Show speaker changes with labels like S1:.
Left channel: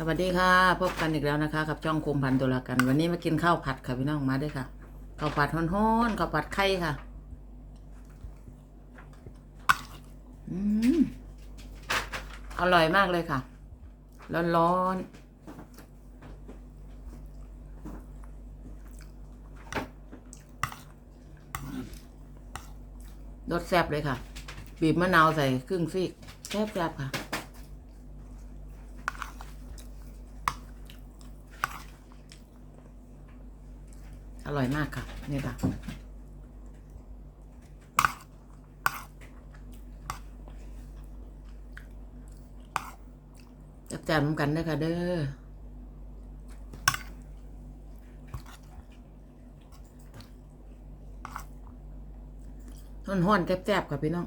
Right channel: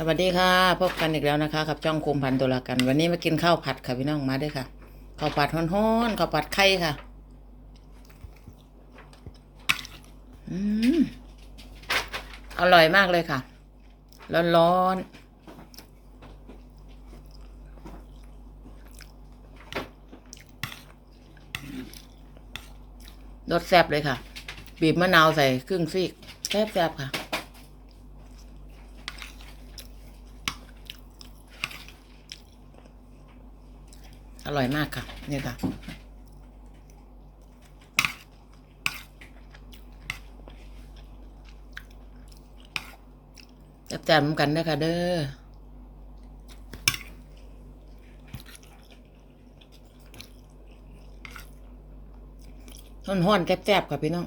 S1: สวัสดีค่ะพบกันอีกแล้วนะคะกับจ้องคมพันธุ์ตัวละกัน วันนี้มากินข้าวผัดค่ะพี่น้องมาด้วยค่ะข้าวผัดฮ้อนๆข้าวผัดไข่ค่ะอืมอร่อยมากเลยค่ะ ร้อนๆรสแซ่บเลยค่ะ บีบมะนาวใส่ครึ่งซีกแซ่บๆค่ะ อร่อยมากค่ะ เนี่ยค่ะ จับจานเหมือนกันเด้ค่ะเด้อห้อนๆแซ่บๆค่ะพี่น้อง